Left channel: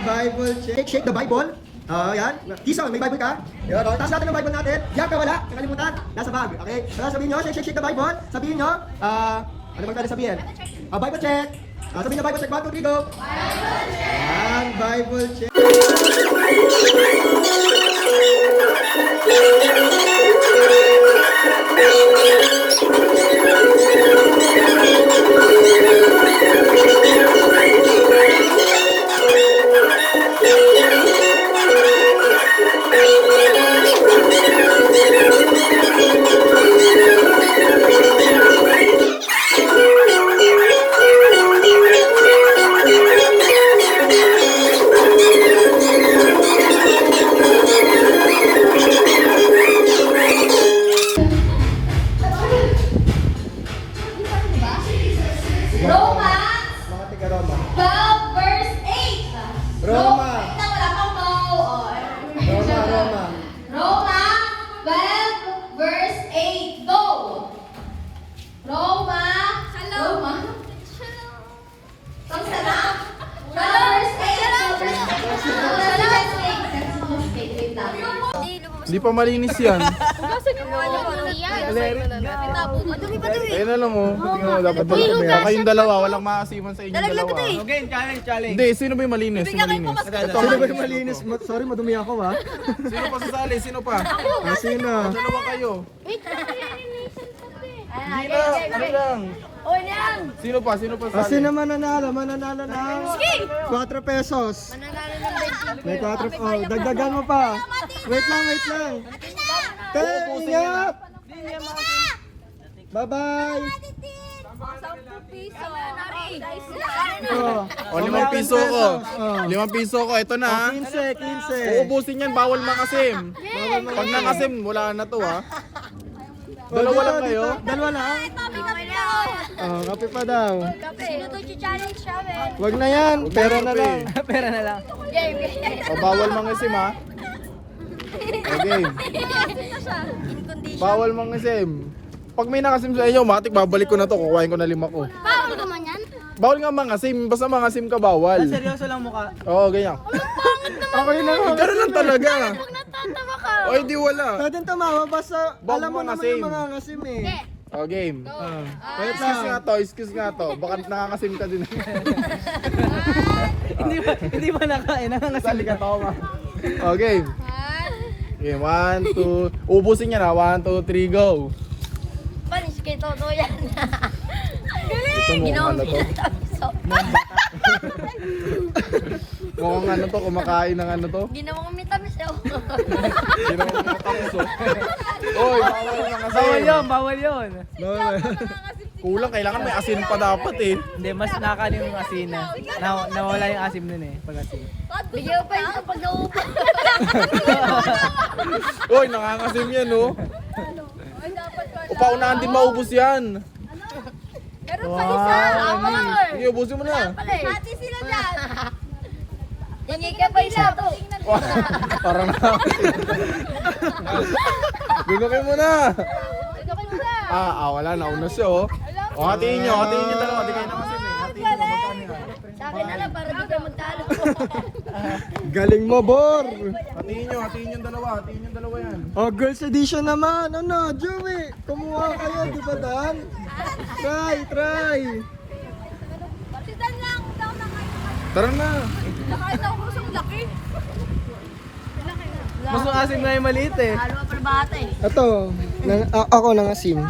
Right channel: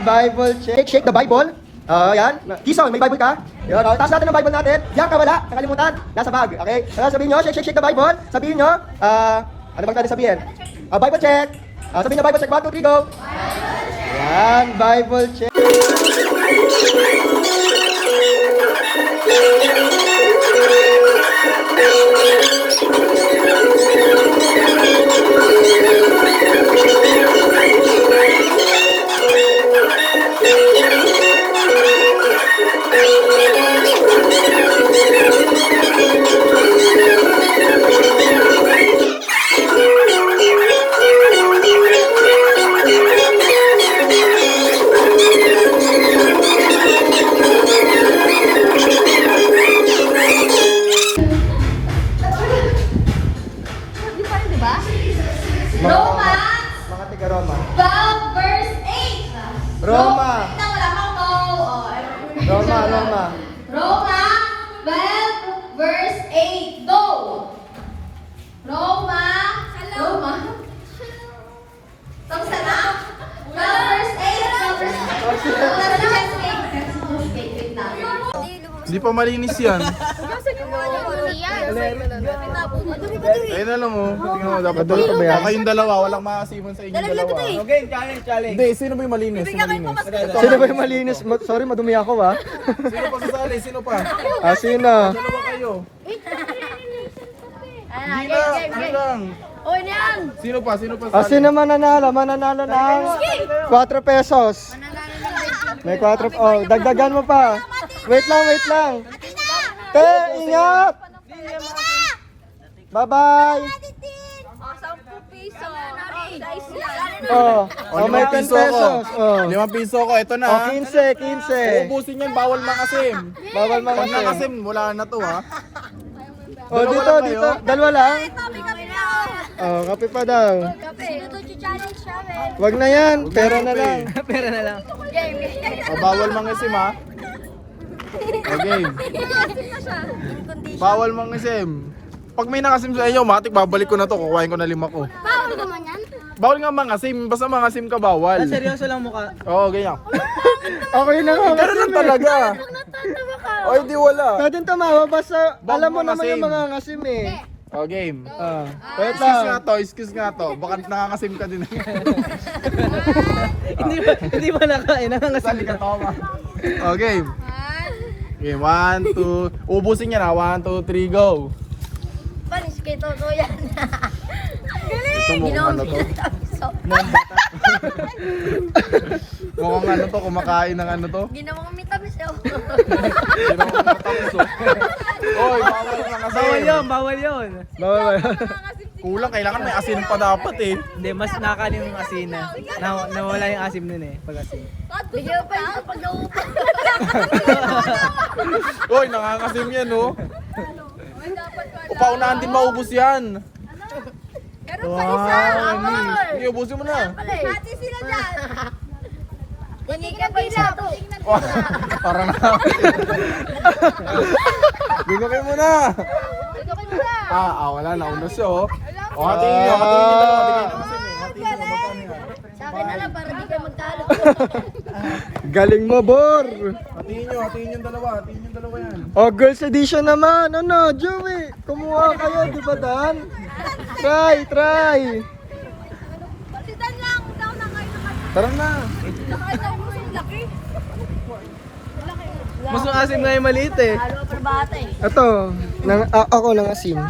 Bible check. Shake the Bible. Yan. Tison, may Bible ka? Yan. Taas natin ang Bible natin. Diyan ka wala. Nakalimutan. Nasa bag. Okay? Sabihin nyo, shake the Bible. Sabihin nyo, ano bang natin sabihin? Bible check. Sabihin nyo Bible check. 1, 2, 3, go. Yan. Bible check. Hindi pa malinis yan. Ayun na lang oh. Kayong dalawa, walang maasiman sa inyong dalawa. Okay, challenge. Hindi, sino ba yung malinis? Malinis. Sino ba yung malinis? Sorry, madumi ako ha. Sino pa sasali? Sino pa? Sino? Dalawa kayo. Hindi lang. Sino pa? Sino pa sasali? Sino mananalo? Mananalo ng 4 pesos. May 4. Oh, dagdagan mo pa. Wait lang. Ingat! Bye-bye! May 10 pesos. 5 piso ko. Ito na. 15. Uubusin yan, bawal makasim. Bawal mga Pag nakasim, wala na to ha. Dito. Dalawa lang. Kape pa daw. Wag na yan. Pera na lang. Bawal mangisim ha. Okay. Bawal mangisim. Pag may nakasim sa inyo, matik babalik ko na to. Kukuhain ko na 5 ko. Bawal naman yan. Bawal nga mangasim. Basta mangasim ka bawal. Seryoso lang mukha. Oo, ganyan. Okay na nga. Ganun lang talaga. Natatawa ka. O, hindi wala. Pwede tumawa. Basta Bawal alam mo naman mangasim. yung mga ngasim eh. O, game. Wait Excuse nga lang. to, excuse nga to. Baka nakakasim ka din. Hindi ba nakain? Nangangasin ka. O, game. Okay, 1, 2. Ubusin yan ha. 1, 2, 3, go. Panis kay Toto yan. Ito mo kung ano to. Mukhang bata. Mukhang ano to, kumakain ng ano to. Ginawa kami tamis daw. Hindi naman makatapos oh. Oy, bawal yung asin. Bawal yun. Bawal. Kulang, kailangan may asin pa dapat eh. Hindi, mas nakakanin yung asin na. Nawala yung asim nun eh, pag asin. Bigyan pa yung kapag nauupan. Oy, nangangasim yan oh. Paunahan din maubos yan. Meron pa isa. Hindi, ubusin mo na. Hati sila dyan. Hindi ka pa isa to. Parang na. Binukay mo na. Wala, nauna siya oh. O, hatiin nyo dalawa. Di kayo nakasim eh. Hatiin nyo, magkano yan? Sa akin na lang para di ka magtalo. Galing mo, Bor. Hatiin yung dalawa yan. Girls edition naman. Ano, Joey? Kumuha kayo, di ba Dan? Try. Si Dan lang. Daw na kayo. Tara na. Nakain ako sa laki. Mas ang asim nga yung maliit eh. Halo pa bata eh. Ito, ako ng asim.